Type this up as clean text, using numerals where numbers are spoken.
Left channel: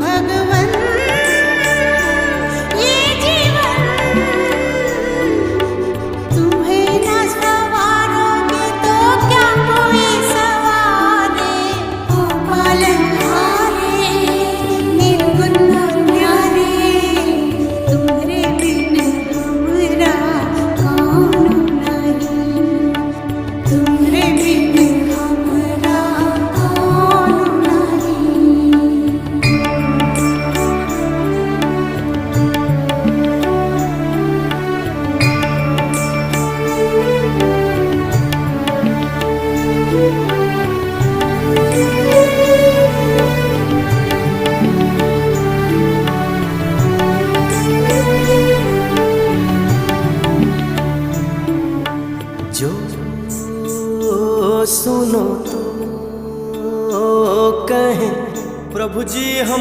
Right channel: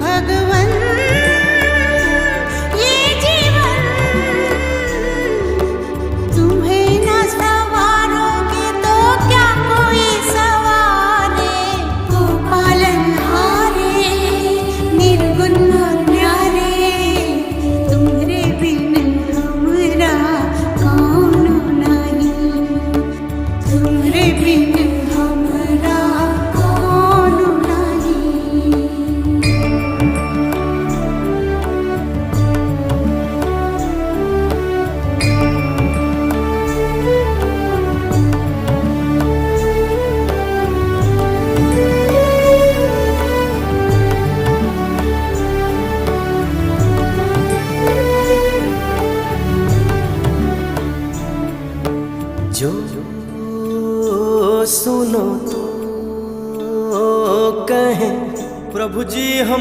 भगवन ये जीवन तुम्हें न सवारोगे तो क्या कोई सवारे। ओ पालनहारे निर्गुण न्यारे तुम्हारे बिन हमरा कौन नहीं। तुम्हारे बिन हमरा कौन नहीं। जो सुनो तो कहें प्रभु जी हम